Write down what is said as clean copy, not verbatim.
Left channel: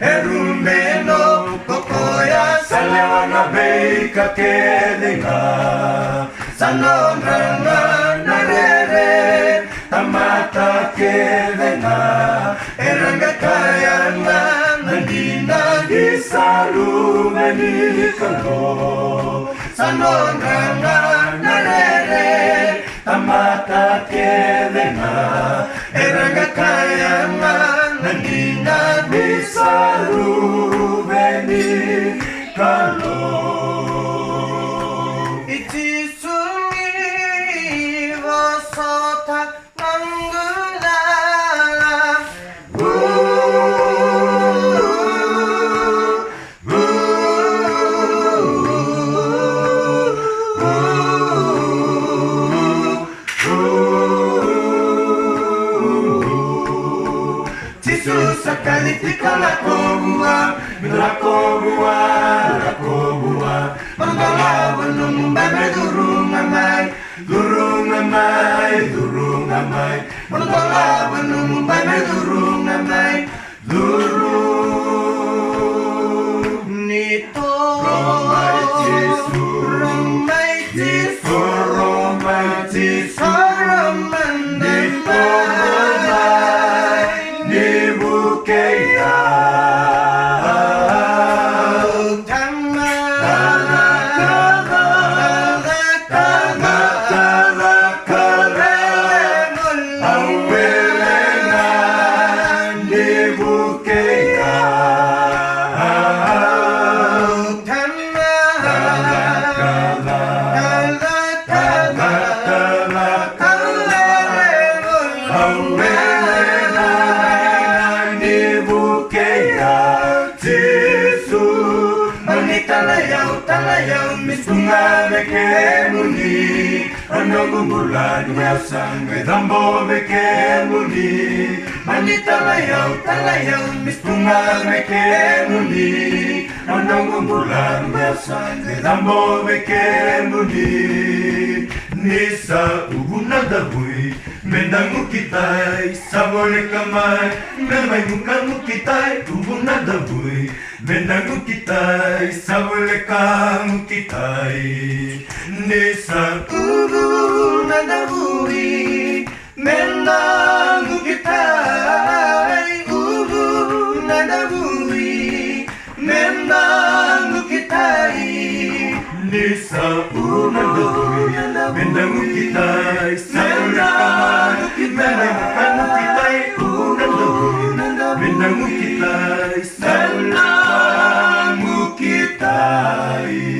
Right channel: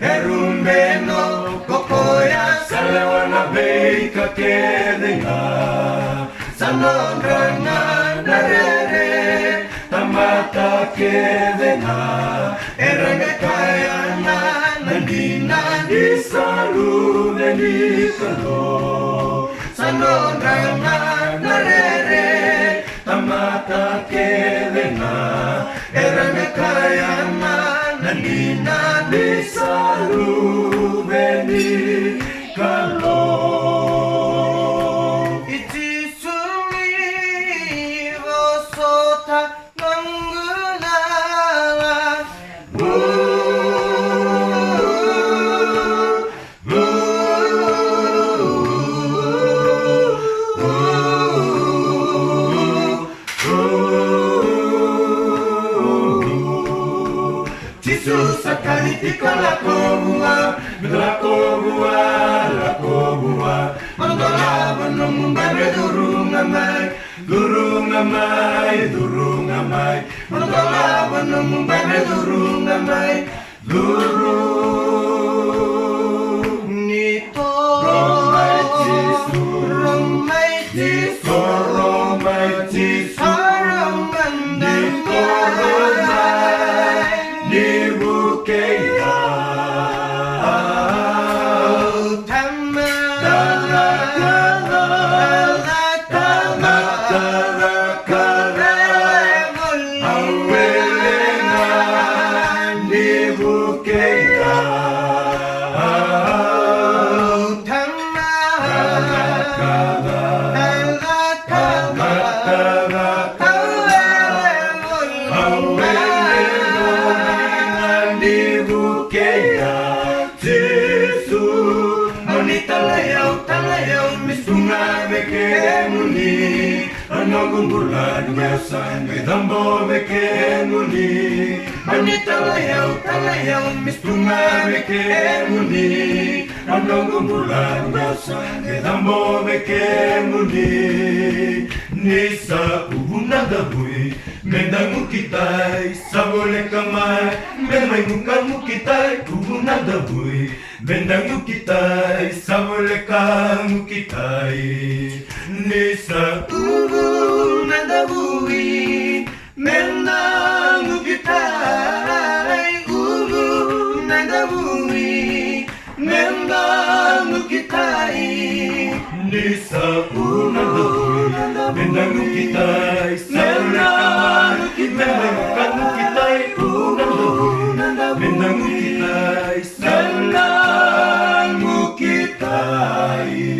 Erumbeno kokoya salewana beika kedenga sanondrana narere tamata kedenga eranga kayana nandina disalu menikalo sanondrana narere tamata kedenga eranga kayana nandina disalu menikalo. Jisu ni vosota manggulala. Jisu sakali tikala kobua, lakobua, lakobua. Mandola wanum bame durungamai, durungamai, durungamai. Mandola wanum bame durungamai, durung Nito romai Jisu, romai Jisu, romai Jisu, romandamai dibukeya. Jisu, talayaw, mistunga bekemuni, anong bulan masang dambo bekemuni, mani talayaw, mistunga bekemuni, anong bulan masang dambo bekemuni, nisa ubuna dabuy, mendangu kitay, sabole kamay, memay mukangu kitay, ubuna dabuy, mendangu kitay, sabole kamu kitay, nisa ubuna dabuy, mendangu kitay, ubuna dabuy, mendangu kitay, nisa ubuna dabuy, mendangu kitay, sabole kamay, memay mukangu kitay, ubuna dabuy, mendangu kitay, sabole kamu kitay.